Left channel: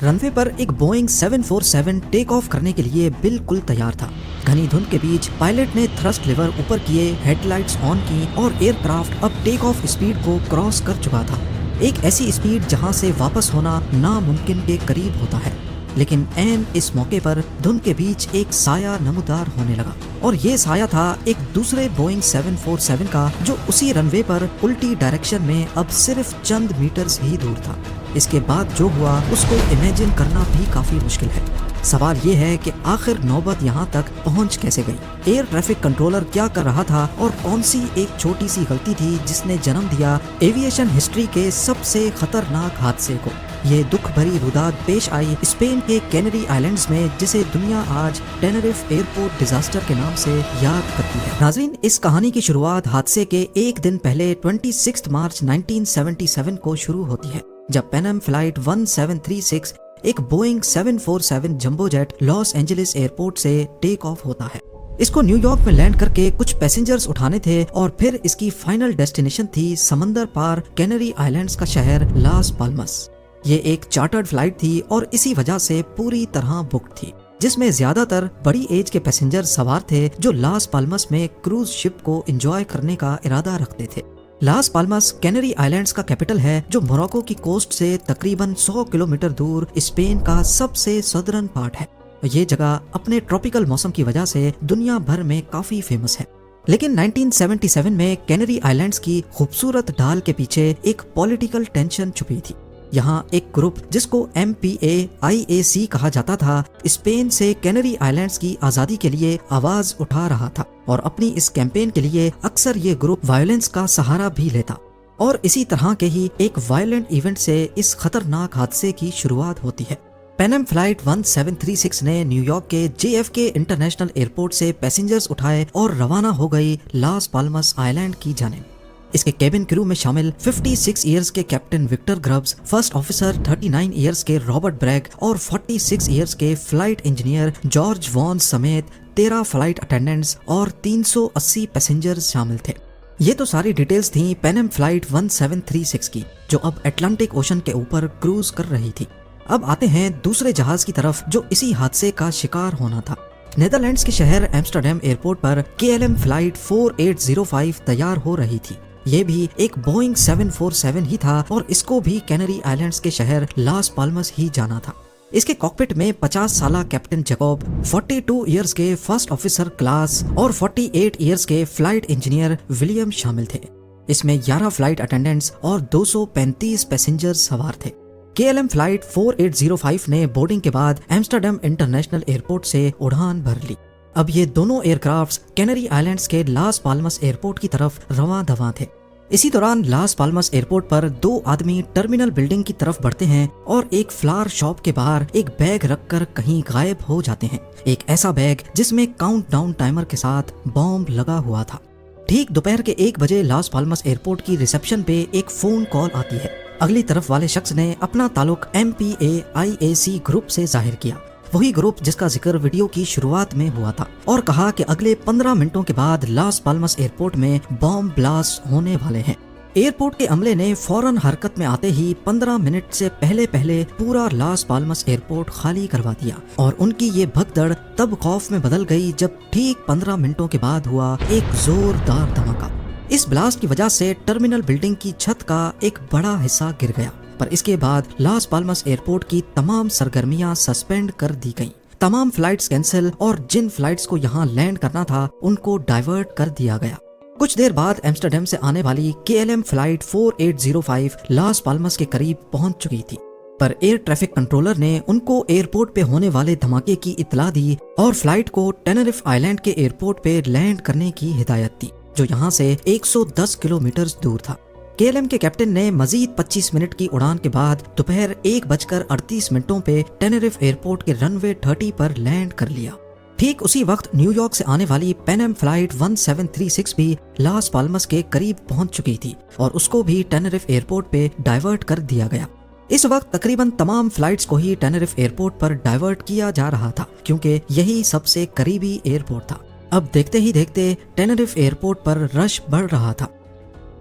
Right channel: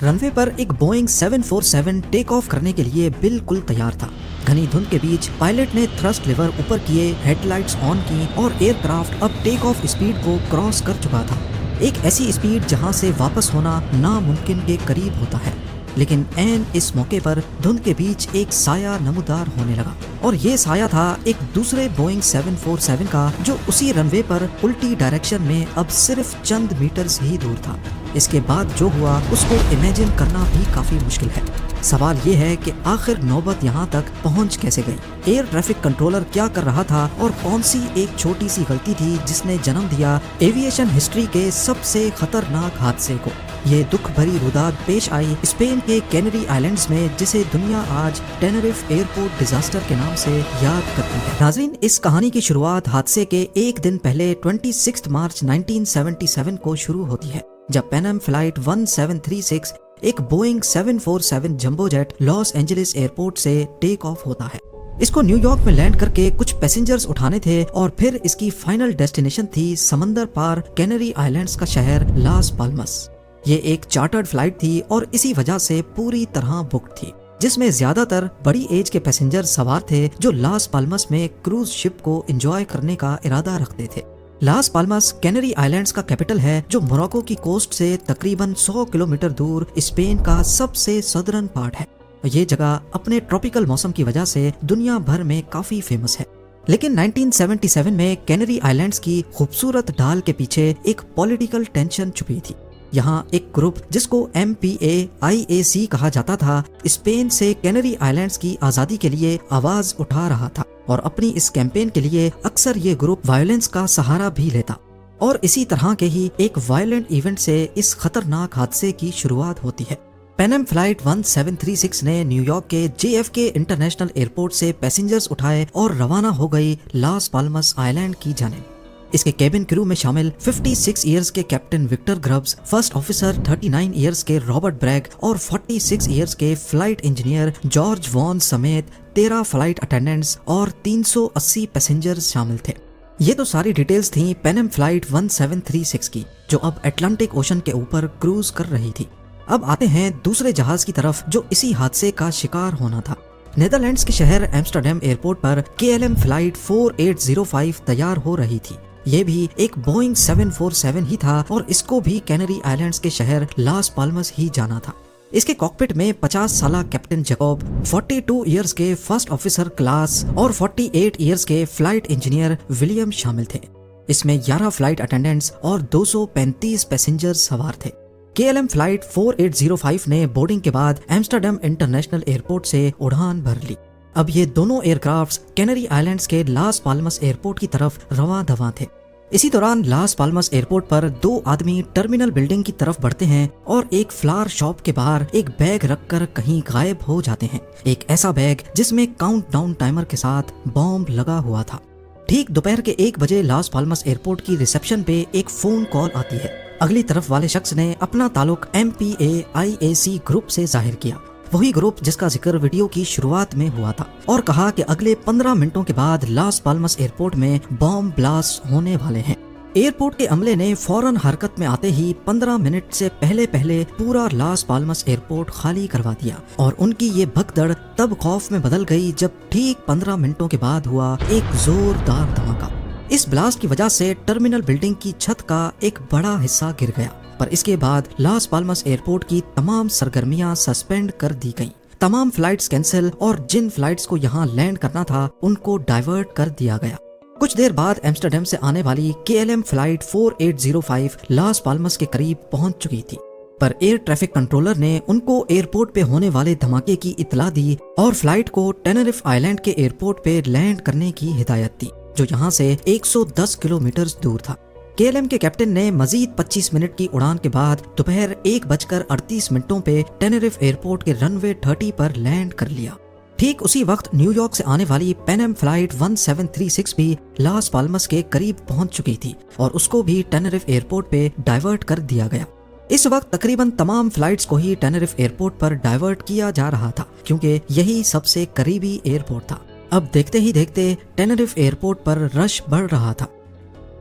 Runway पर एक Boeing 747 take off करने के लिए बिल्कुल तैयार था। घनी धुंध के बीच पायलट ने थ्रस्ट लेवर ऊपर किए, हेडलाइट्स ऑन की और एयरक्राफ्ट अब टेक ऑफ स्पीड को क्रॉस कर चुका था। एक ऐसी स्पीड जहां से वापस होना नामुमकिन के करीब होता है। लेकिन ऐन इस मौके पर धुंध के बीच एक साया नमूदार होने लगा और ये साया था एक दूसरे बोइंग 747 का, जो उसी रनवे पर उल्टी डायरेक्शन में अब सिर्फ चंद मीटर्स ही दूर था। इसके बाद जो हुआ उसको इमेजिन करना भी काफी मुश्किल है। सवाल ये है कि आखिर नौबत यहाँ तक पहुँच कैसे गई? एयर ट्रैफिक कंट्रोलर क्या कर रहा था और कौन सी एक छोटी सी गलती थी जिसने जन्म दिया एविएशन हिस्ट्री के सबसे खतरनाक हादसे को? ये दुख भरी रुदाद पेश आई स्पेन के कैनरी आइलैंड्स में, जिसे दुनिया आज टेनरिफ एयरपोर्ट डिजास्टर के नाम से याद करती है। नाज़रीन, इस कहानी की शुरुआत हादसे के एक दिन पहले 26 मार्च 1977 को शुरू होती है, जब पैन एम फ्लाइट 1736 एक Boeing 747 jumbo jet Los Angeles airport से टेक ऑफ होता है। इसको न्यूयॉर्क में लैंड करके कुछ पैसेंजर्स उठाने थे और फिर इसकी फाइनल डेस्टिनेशन थी समंदर पार कैनरी आइलैंड्स का शहर लास पाल्मस। ये एक चार्टर्ड फ्लाइट थी और इसी वजह से पूरी तरह बुक थी, जिसमें ज्यादातर बड़ी एज के पैसेंजर सवार थे जो लास पाल्मस में क्रूज शिप को एंजॉय करने का इरादा रखते थे। लास पाल्मस कैनरी आइलैंड्स का कैपिटल है, जो मोरक्को की कोस्ट से तकरीबन 100 किलोमीटर दूर स्पेन का सबसे सदर्न पार्ट है। ये जगह अपने ट्रॉपिकल मौसम की वजह से दुनिया भर में काफी फेमस है। लेकिन 1977 में कैनरी आइलैंड्स की खूबसूरत ढाल के पीछे एक पॉलिटिकल टेंशन छुपी थी। यहाँ एक ग्रुप जिसको MPAIAC कहा जाता था, स्पेन से कैनरी आइलैंड्स की आजादी के लिए आवाज उठा रहा था और अपनी इस कैंपेन के लिए अक्सर ये ग्रुप वायलेंस का सहारा भी लेता। और इसी तरह के ही एक वायलेंट इवेंट से इस खतरनाक हादसे की शुरुआत होती है। पैन एम फ्लाइट 1736 ने न्यूयॉर्क के JFK इंटरनेशनल एयरपोर्ट से पैसेंजर्स उठाए और रवाना हो गई लास पाल्मस आइलैंड की जानिब। इसके केबिन क्रू में शामिल 56 इयर्स के captain Victor Grubbs, first officer 39 years के रॉबर्ट ब्रैग और 46 इयर्स के फ्लाइट इंजीनियर जॉर्ज वॉन समेत 13 फ्लाइट अटेंडेंट्स और 380 पैसेंजर्स शामिल थे। ये तो सारी डिटेल्स थी पैन एम फ्लाइट 1736 की, जो अब अटलांटिक ओशन के ऊपर क्रूज कर रही थी। अब आते हैं दूसरे जहाज की तरफ, जो इसी हादसे का शिकार होना था। नेदरलैंड्स के शहर एम्स्टर्डम एयरपोर्ट पर KLM फ्लाइट 4805 तैयार हो रही थी। ये भी एक बोइंग 747 ही था और इसको भी कैनरी आइलैंड्स के शहर लास पाल्मस ही जाना था। इसके कॉकपिट में 50 साल कैप्टन जैकब, 42 इयर्स के फर्स्ट ऑफिसर क्लास और 48 इयर्स के फ्लाइट इंजीनियर विलियम शामिल थे। इसमें 11 फ्लाइट अटेंडेंट्स और 235 पैसेंजर सवार थे। KLM फ्लाइट 4805 ने बोर्डिंग के बाद एम्स्टर्डम इंटरनेशनल एयरपोर्ट से उड़ान भर ली। अब ये दोनों एयरक्राफ्ट कैनरी आइलैंड्स के लास पाल्मस एयरपोर्ट की तरफ रवां दवां थे। इसी दौरान लास पाल्मस एयरपोर्ट पर दो आदमी टर्मिनल बिल्डिंग की तरफ बढ़ते हैं और एक फ्लावर शॉप के बाहर एक बैग रखकर कहीं गायब हो जाते हैं। एक ऐसा बैग जिसमें काउंटडाउन टाइमर के साथ बॉम्ब लगा हुआ था। ठीक दोपहर के 1 बजे लास पाल्मस एयरपोर्ट की रिसेप्शन पे एक फोन कॉल आती है। अगली तरफ वाले शख्स ने अपना ताल्लुक MPAIAC ग्रुप से जाहिर किया, वही ग्रुप जिसका जिक्र वीडियो की शुरुआत में हुआ था, और कहा कि अगले 15 मिनटों के बाद लास पाल्मस एयरपोर्ट में बॉम्ब ब्लास्ट होने वाले हैं। एयरपोर्ट के अमले ने फौरन हरकत में आते ही 15 मिनट से पहले पूरा लास पाल्मस एयरपोर्ट खाली करवा दिया और उनकी ये भगदड़ तब खौफ में बदल गई जब ठीक 15 मिनटों के बाद हुआ एक जोरदार धमाका। इस ब्लास्ट की वजह से टर्मिनल बिल्डिंग की छत का एक बड़ा हिस्सा गिर गया, पर इसके बाद लास पाल्मस एयरपोर्ट की तमाम सरगर्मियां सस्पेंड कर दी गईं। तमाम फ्लाइट्स कैंसिल और जिन फ्लाइट्स को यहाँ लैंड करना था उनको डाइवर्ट कर दिया गया। कुछ देर बाद एम्स्टर्डम से आने वाली KLM फ्लाइट 4805 लास पाल्मस के करीब पहुंच चुकी थी, पर एयर ट्रैफिक कंट्रोलर ने उनको एयरपोर्ट पे होने वाले धमाके की इत्तला दी और फ्लाइट को टेनरिफ आइलैंड के एयरपोर्ट पे लैंड करने की हिदायत दी, जो यहाँ से 110 किलोमीटर दूर था। KLM के कैप्टन ने मजीद 25 मिनट की उड़ान के बाद दोपहर 1:38 पे टेनरिफ एयरपोर्ट के रनवे 30 पर लैंड कर लिया। ठीक उसी वक्त न्यूयॉर्क से आने वाली पैन एम फ्लाइट 1736 भी लास पाल्मस के करीब पहुंच चुकी थी और उसको भी टेनरिफ एयरपोर्ट पे डाइवर्ट कर दिया गया। इस वक्त तकरीबन तमाम फ्लाइट्स को ही टेनरिफ एयरपोर्ट पर डाइवर्ट किया जा रहा था, क्योंकि यही सबसे करीबी एयरपोर्ट था। अब देखते ही देखते टेनरिफ एयरपोर्ट पर रश बढ़ रहा था।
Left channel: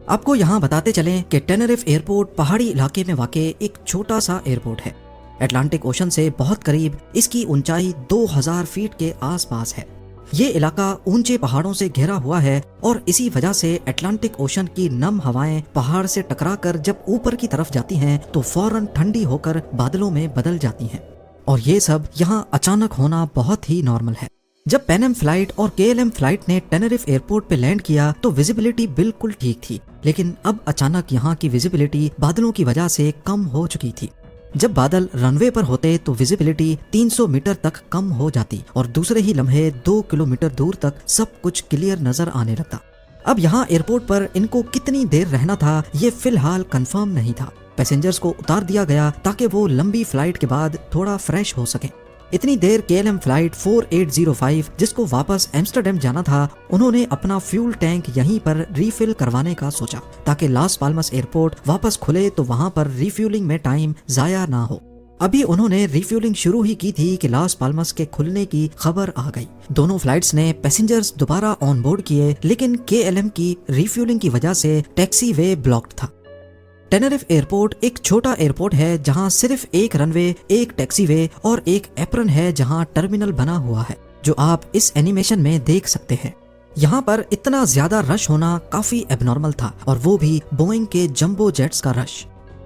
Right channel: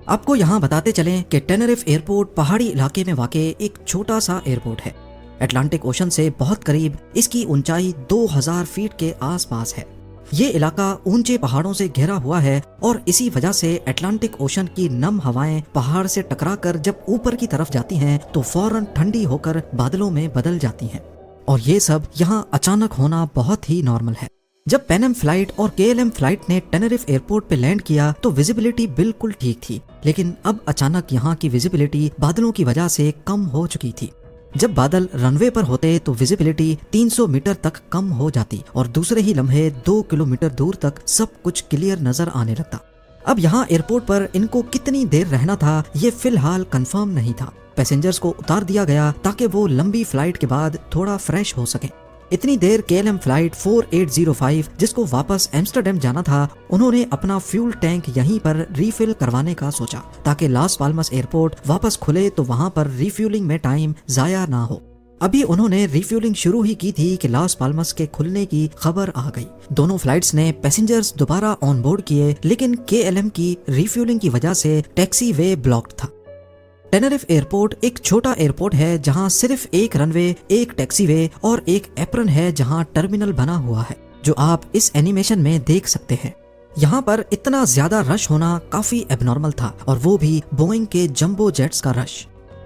आपको यहाँ बताते चलें कि टेनरिफ एयरपोर्ट पहाड़ी इलाके में वाक़ एक छोटा सा एयरपोर्ट है। अटलांटिक ओशन से बहुत करीब इसकी ऊंचाई 2000 फीट के आसपास है। ये इलाका ऊंचे पहाड़ों से घिरा हुआ है और इसी वजह से अटलांटिक ओशन की नम हवाएं पहाड़ से टकराकर जब ऊपर की तरफ जाती हैं तो फौरन ठंडी होकर बादलों में बदल जाती हैं। और ये सब यहाँ अचानक होना बहुत ही नॉर्मल है। जब पैन एम फ्लाइट और KLM फ्लाइट ने टेनेरिफ एयरपोर्ट पे लैंड किया तो विजिबिलिटी बिल्कुल ठीक थी, लेकिन अब अचानक यहाँ की विजिबिलिटी बादलों की वजह से कम हो चुकी थी। जब बादल रनवे पर होते तो विजिबिलिटी 300 मीटर तक कम हो जाती और दूसरे ही लम्हे 2 किलोमीटर दूर तक सब कुछ क्लियर नजर आने लगता। अब यहाँ एयरपोर्ट पर इनको कितनी देर रहना था ये फिलहाल कंफर्म नहीं था। पैसेंजर्स को उतार दिया गया ताकि वो लंबी फ्लाइट के बाद थोड़ा फ्रेश हो सके। इतनी देर KLM फ्लाइट 4805 जिसको वापस एम्स्टर्डम जाना था, उन्होंने अपना फ्यूल टैंक यहीं पर रिफिल करवाने का सोचा ताकि लास पाल्मस एयरपोर्ट वापस खुले तो वहाँ पर रिफ्यूलिंग में टाइम जाया ना हो। अभी उन्होंने रिफ्यूलिंग शुरू ही की थी कि लास पाल्मस के खुलने की खबर आ गई। दोनों फ्लाइट्स ने पैसेंजर्स दोबारा ऑन बोर्ड किए, लेकिन KLM की रिफ्यूलिंग की वजह से टैक्सी वे ब्लॉक्ड था। टेनेरिफ एयरपोर्ट एक छोटा एयरपोर्ट है जहां सिर्फ एक रनवे, एक टैक्सीवे और एक एप्रन है जहां टर्मिनल बना हुआ है, जो आप इस एनिमेशन में देख सकते हैं। यहाँ पर इतना ज्यादा रश होना काफी एबनॉर्मल था, और वो भी बोइंग के जंबो जेट्स का रश।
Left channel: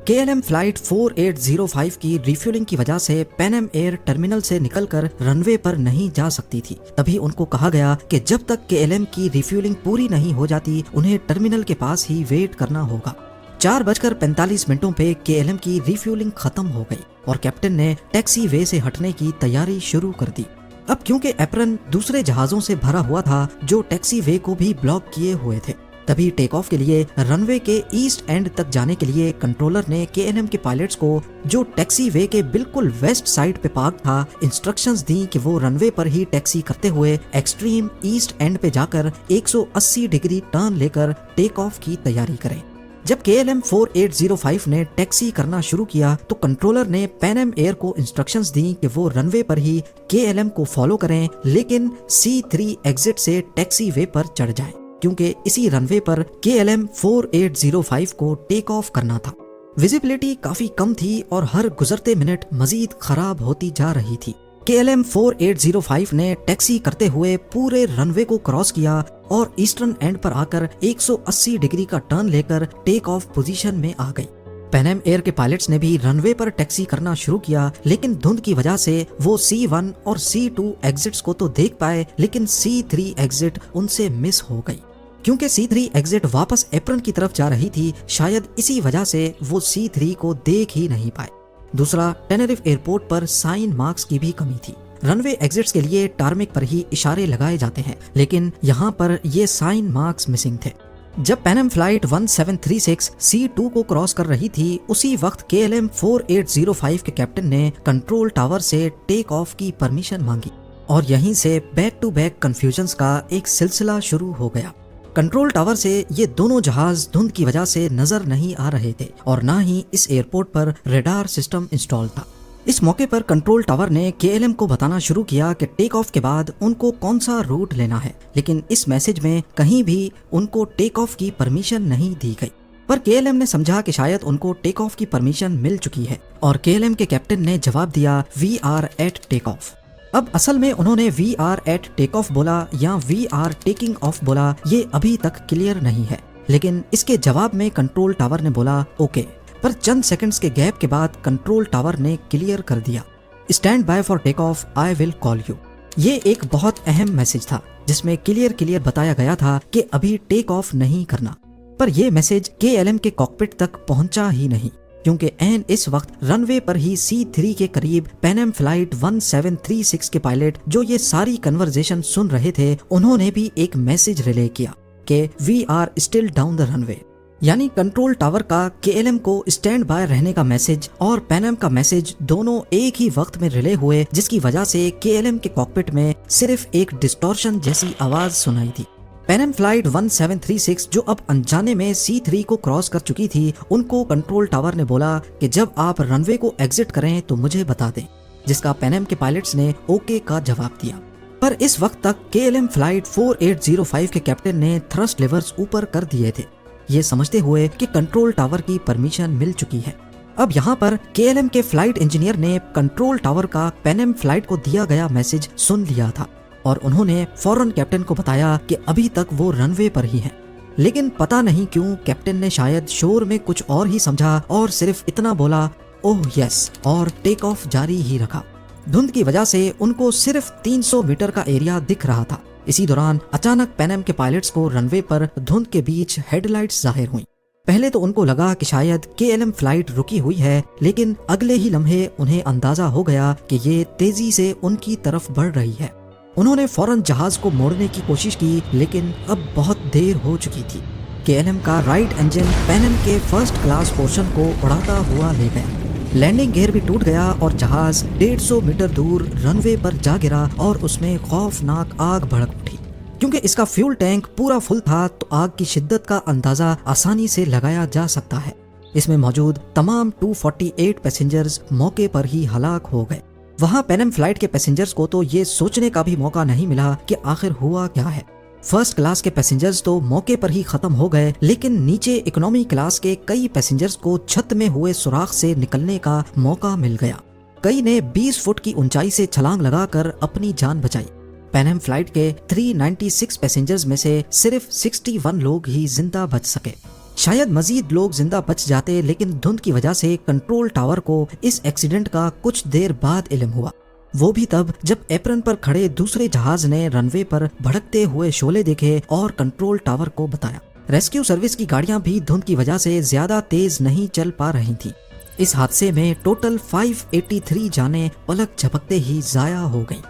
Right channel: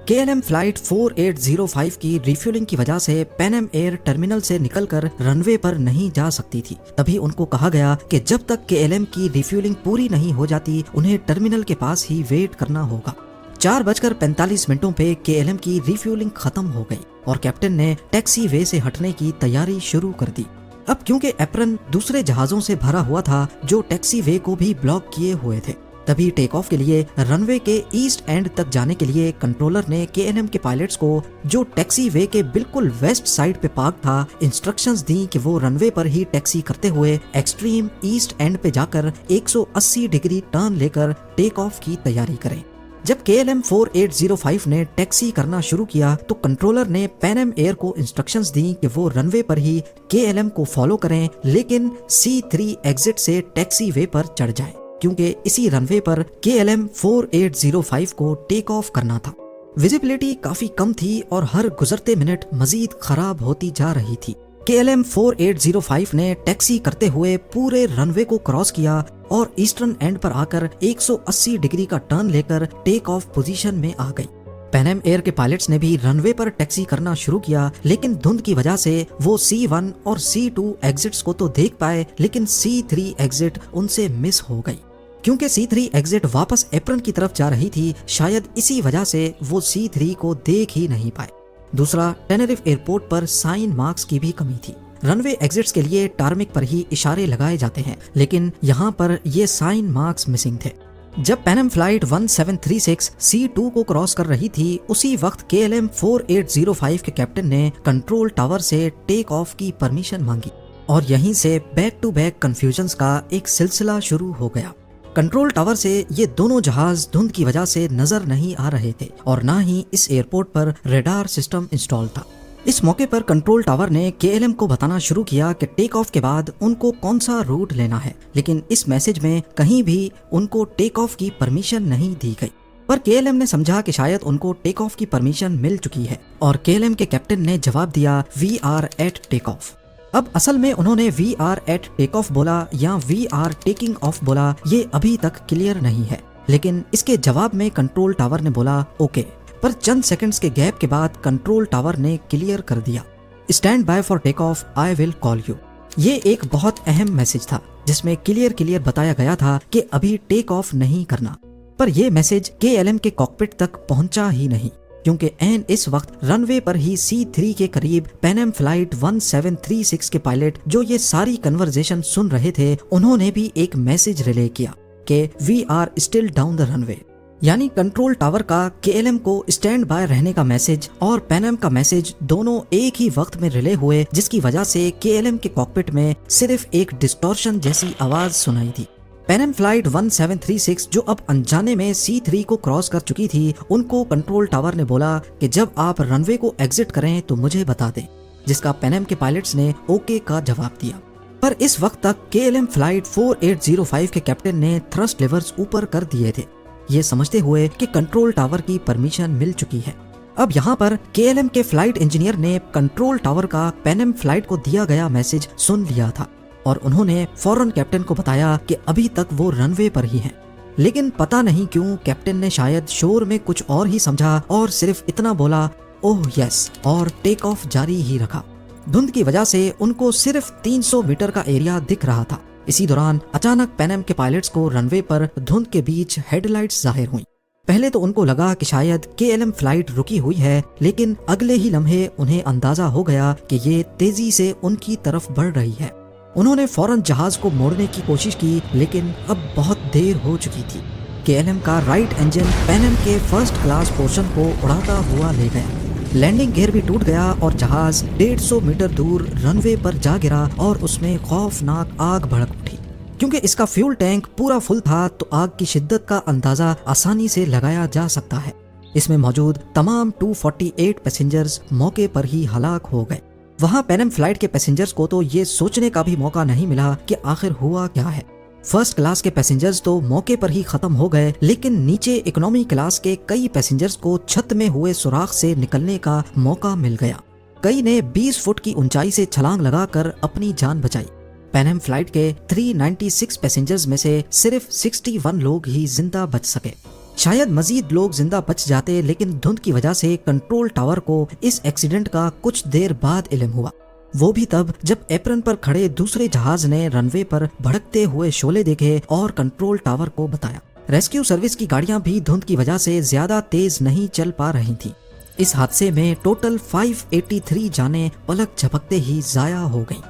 KLM फ्लाइट 4805 की रिफ्यूलिंग की वजह से पैन एम एयर टर्मिनल से निकलकर रनवे पर नहीं जा सकती थी। तभी उनको कहा गया कि जब तक KLM की रिफ्यूलिंग पूरी नहीं हो जाती उन्हें टर्मिनल के पास ही वेट करना होगा। 4:45 पे KLM की रिफ्यूलिंग खत्म हो गई और कैप्टन ने टैक्सी वे से हटने की तैयारी शुरू कर दी। अब क्योंकि एप्रन दूसरे जहाजों से भरा हुआ था जो टैक्सी वे को भी ब्लॉक किए हुए थे, तभी टेक ऑफ के लिए रनवे के ईस्ट एंड तक जाने के लिए कंट्रोलर ने KLM के पायलट्स को, जो टैक्सी वे के बिल्कुल वेस्ट साइड पे पार्क था, इंस्ट्रक्शंस दी कि वो रनवे पर ही टैक्सी करते हुए एक्सट्रीम ईस्ट एंड पे जाकर 180 डिग्री टर्न लेकर टेक ऑफ की तैयारी करें। जब KLM 4805 ने टैक्सी करना शुरू किया तो कंट्रोलर ने पैन एम एयर को इंस्ट्रक्शंस दी कि वो रनवे पर ही KLM को फॉलो करें, लेकिन C3 एग्जिट से टैक्सी वे पर चढ़ जाएं, क्योंकि इसी रनवे पर KLM 4805 को टेक ऑफ करना था। विजिबिलिटी काफी कम थी और हर गुजरते मिनट मजीद खराब होती जा रही थी। KLM 4805 ने टैक्सी करते हुए पूरे रनवे को क्रॉस किया और ईस्टर्न एंड पर आकर 180 डिग्री का टर्न लेकर टेक ऑफ पोजीशन में आ गई। पैन एम एयर के पायलट्स ने भी रनवे पर टैक्सी करना शुरू किया, लेकिन धुंध की वजह से वो C1 और C2 एग्जिट्स को तो देख पाए, लेकिन C3 एग्जिट उनसे मिस हो गई। क्योंकि C3 एग्जिट वापस एप्रन की तरफ जा रही थी, शायद इसी वजह से वो C3 को देख ही नहीं पाए। दूसरा, टेनेरिफ एयरपोर्ट पर साइन मार्क्स की भी कमी थी। रनवे एग्जिट्स के लिए टार्मिक पर ही इशारे लगाए जाते हैं, लेकिन यहाँ पर ये साइन मार्क्स मिसिंग थे। जब पैन एम फ्लाइट 1736 C2 को क्रॉस कर रही थी, उसी वक्त KLM 4805 के कैप्टन ने कंट्रोल टावर से टेक ऑफ की परमिशन मांगी और यहीं से बैक टू बैक कंफ्यूजन्स का एक सिलसिला शुरू हो गया। कंट्रोल टावर से ये दोनों जहाज धुंध की वजह से नजर नहीं आ रहे थे और ना ही इस एयरपोर्ट पर रडार सिस्टम इंस्टॉल था। इस मौके पर कंट्रोल टावर ने KLM को बताना शुरू किया कि टेक ऑफ के बाद उनको कौन सा रूट लेना है, लेकिन इस मैसेज में कहीं भी उनको टेक ऑफ की परमिशन नहीं दी गई। पर KLM ने समझा कि शायद उनको टेक ऑफ की परमिशन मिल चुकी है और KLM के कैप्टन ने जवाब दिया "We are at take off". अब असल में उन्होंने "We are at take off" बोला या "We are taking off" बोला, ये अभी तक क्लियर नहीं है, लेकिन इसके जवाब में कंट्रोल टावर ने बोला "ओके", पर चंद सेकंड्स के गैप के बाद कंट्रोल टावर ने क्लियर कर दिया "stand by for take off, I will call you". ये एक बहुत अहम मैसेज था जिसमें क्लियर बताया गया था कि अभी टेक ऑफ नहीं करना। पर यह मैसेज KLM के कॉकपिट तक पहुंचा ही नहीं, क्योंकि एन इस वक्त रनवे पर ही C3 के करीब पैन एम फ्लाइट 1736 के पायलट जो ये सारी कन्वर्सेशन सुन रहे थे, उन्होंने भी एक मैसेज रिले किया कि "We are still down the runway", यानी कंट्रोल टावर का KLM को स्टैंड बाय रहने का मैसेज और पैन एम का मैसेज दोनों एक ही वक्त में रिले हुए, जिसकी वजह से KLM के कॉकपिट में सिर्फ एक डिस्टॉर्शन जैसी आवाज सुनाई दी। पैन एम फ्लाइट 1736 जो अब अनजाने में C3 को क्रॉस कर चुकी थी, उनको कंट्रोल टावर ने बोला कि जब आप रनवे को एग्जिट करें तो मुझे बता दें, जिसका पैन एम के पायलट्स ने ओके का जवाब दिया। पर इस वक्त तक KLM फ्लाइट 4805 के कैप्टन ने थ्रस्ट लिवर्स ऊपर कर दिए थे, ये समझते हुए कि कंट्रोल टावर की परमिशन मिल चुकी है। अब यहाँ पर KLM के फ्लाइट इंजीनियर ने कंट्रोल टावर का पैनम फ्लाइट को दिया गया मैसेज सुन लिया था और उन्होंने फौरन कैप्टन को बताया कि अभी तक वो रनवे पर ही है। लेकिन पता नहीं क्यों कैप्टन ने शायद शोर में कुछ और ही समझा और सिर्फ इतना बोला ओह यस और टेक ऑफ जारी ही रखा। धुंध की वजह से उनको सिर्फ 300 मीटर का एरिया दिख रहा था। इसी दौरान अचानक पैनम के पायलट्स को रनवे पर धुंध के बीच हेडलाइट्स जाहिर हुई। पहले तो उनको लगा कि शायद KLM फ्लाइट रुकी हुई है, लेकिन अगले ही लम्हे उन्हें अंदाजा हो गया कि ये तेजी से उनकी तरफ बढ़ रही है। उन्होंने फौरन जहाज को मोड़ने की कोशिश की, लेकिन अब बहुत देर हो चुकी थी। KLM का राइट इंजन पैनम के फर्स्ट क्लास पोर्शन को उड़ाता हुआ ले गया। लैंडिंग गियर भी टूट गया और जहाज 150 मीटर दूर रनवे पर जा गिरा और उसमें खौफनाक आग भड़क उठी। क्योंकि इसका फ्यूल टैंक पूरा फुल था तो आग की शिद्दत का अंदाजा आसानी से लगाया जा सकता है। इसमें मौजूद तमाम 248 पैसेंजर्स मौके पर ही हलाक हो गए। वहाँ पैनम फ्लाइट के पैसेंजर्स को तो ये सोचने का भी मौका नहीं मिला कि आखिर हुआ क्या है। फर्स्ट क्लास के पैसेंजर्स तो मौके पर ही खत्म हो गए, लेकिन नीचे इकोनॉमी क्लास के कई पैसेंजर्स को छत में हुए सुराख से निकलने का मौका मिल गया। कई ने 20 फुट की ऊंचाई से छलांग लगाकर अपनी जान बचाई। पैनम फ्लाइट के 396 पैसेंजर्स में से सिर्फ 61 लोग ही जिंदा बच सके। शायद मजीद लोग जिंदा बच जाते, लेकिन धुंध की वजह से कंट्रोल टावर को इस एक्सीडेंट का कुछ देर बाद इल्म हुआ। वो भी तब जब एप्रन पर खड़े दूसरे जहाज ने रनवे पर भड़कते हुए शोले देखे और कंट्रोल टावर को बताया। रेस्क्यू सर्विस की गाड़ियां भी धुंध की वजह से ज्यादा तेज नहीं चल पा रही थी। इस हादसे में टोटल 583 जानें पलक झपकते ही जाया हो गई।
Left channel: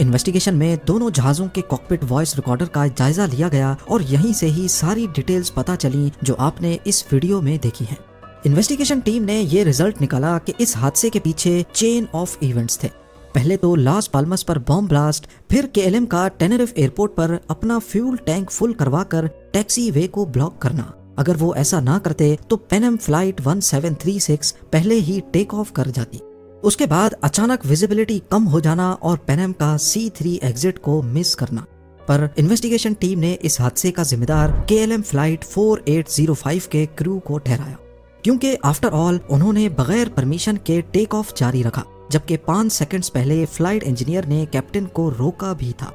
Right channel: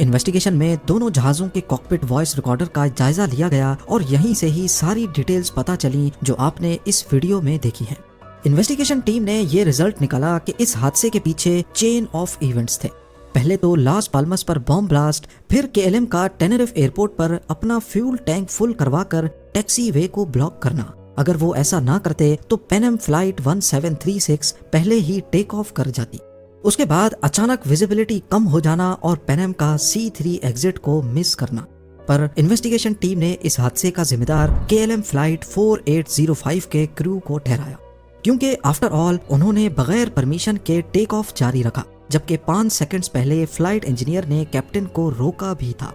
इन्वेस्टिगेशन में दोनों जहाजों के कॉकपिट वॉइस रिकॉर्डर का जायजा लिया गया और यहीं से ही सारी डिटेल्स पता चली जो आपने इस वीडियो में देखी है। इन्वेस्टिगेशन टीम ने ये रिजल्ट निकाला कि इस हादसे के पीछे चेन ऑफ इवेंट्स थे। पहले तो लास पाल्मस पर बॉम्ब ब्लास्ट, फिर KLM का टेनेरिफ एयरपोर्ट पर अपना फ्यूल टैंक फुल करवाकर टैक्सी वे को ब्लॉक करना। अगर वो ऐसा ना करते तो पैनम फ्लाइट 1736 पहले ही टेक ऑफ कर जाती। उसके बाद अचानक विजिबिलिटी कम हो जाना और पैनम का C3 एग्जिट को मिस करना। पर इन्वेस्टिगेशन टीम ने इस हादसे का जिम्मेदार KLM फ्लाइट 4805 के क्रू को ठहराया, क्योंकि आफ्टर ऑल उन्होंने बगैर परमिशन के टेक ऑफ जारी रखा, जबकि 5 सेकंड्स पहले फ्लाइट इंजीनियर ने कैप्टन को रोका भी था।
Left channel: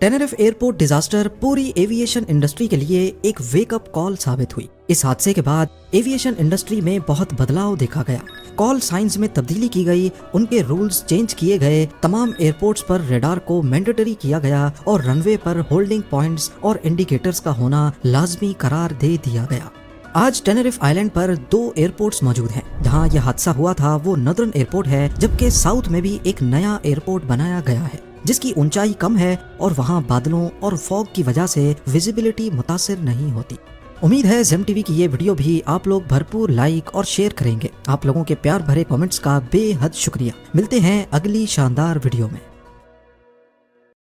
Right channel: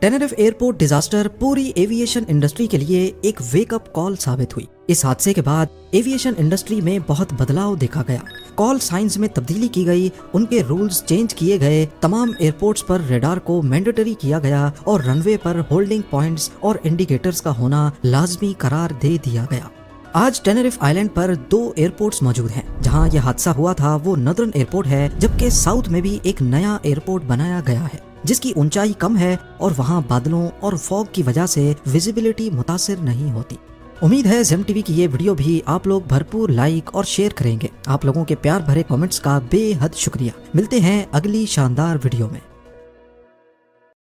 टेनेरिफ एयरपोर्ट डिजास्टर पूरी एविएशन इंडस्ट्री के लिए एक वेकअप कॉल साबित हुई। इस हादसे के बाद एविएशन इंडस्ट्री में बहुत बदलाव देखा गया। कॉल साइंस में तब्दीली की गई, उनके रूल्स चेंज किए गए, तमाम एयरपोर्ट्स पर रेडार को मैंडेटरी किया गया और रनवे पर होल्डिंग पॉइंट्स और इंडिकेटर्स का होना लाजमी करार दे दिया गया। आज टेनेरिफ आइलैंड पर 2 एयरपोर्ट्स मौजूद हैं। जहां यह हादसा हुआ था वो नदर्न एयरपोर्ट है, जबकि साउथ में भी एक नया एयरपोर्ट बनाया गया है जिसकी ऊंचाई कम है और वहां बादलों और फॉग की वजह से विजिबिलिटी मुतासिर नहीं होती। उम्मीद है जेम टीवी की ये वीडियो भी आप लोग भरपूर लाइक और शेयर करेंगे। आप लोगों के प्यार भरे कमेंट्स का बेहद शुक्रिया। मिलते हैं अगली शानदार वीडियो में।